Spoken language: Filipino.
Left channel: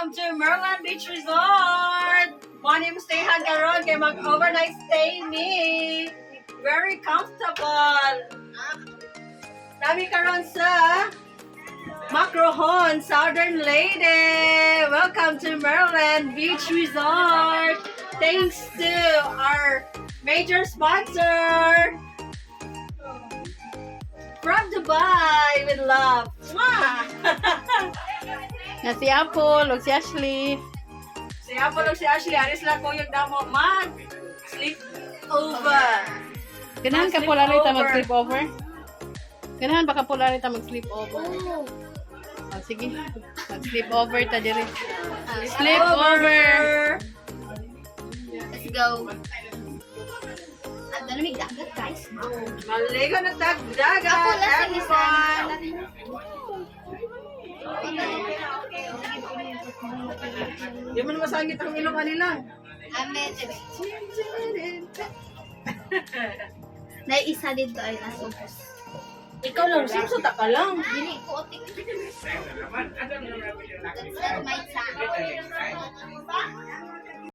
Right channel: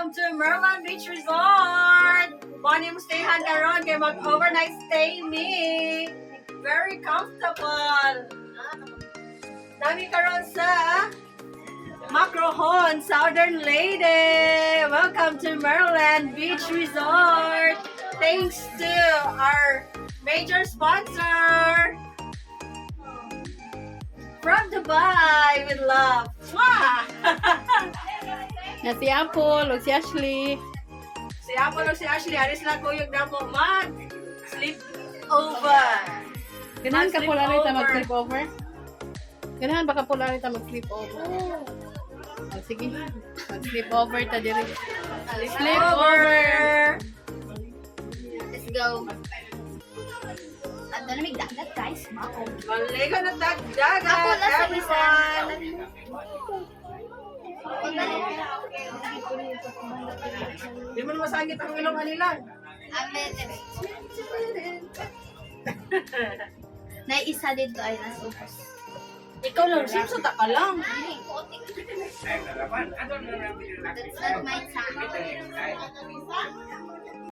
Welcome to Merlan Beach Resort! Money mo stayhan karon kay mag-overnight stay me. Very comfortable. Nami karon sa Macrohon, Southern Leyte. Welcome to Merlan Beach Resort. Thanks to our major sponsor from Dubai with love. Mwah! Na si Apple, o si Ashley. Si Apple o si Ashley, aris lang ko yung damo mag sleep over. Ganahan ka Mag-sleep pula rita over. mag-sleep over? Ganahan baka pula rita mag-sleep over? Oh, sige. Mag-sleep over ta diri. Sleep over. Let's go. At lamig dagat, guys. Maligo na dagdagat, Ako lang sa everyone. Di mo masangit ang ilong nila. Amen. Naisa dito ay nasupos. Ikaw lang, simsuta ka lang. Dili ko otik. That's not my time.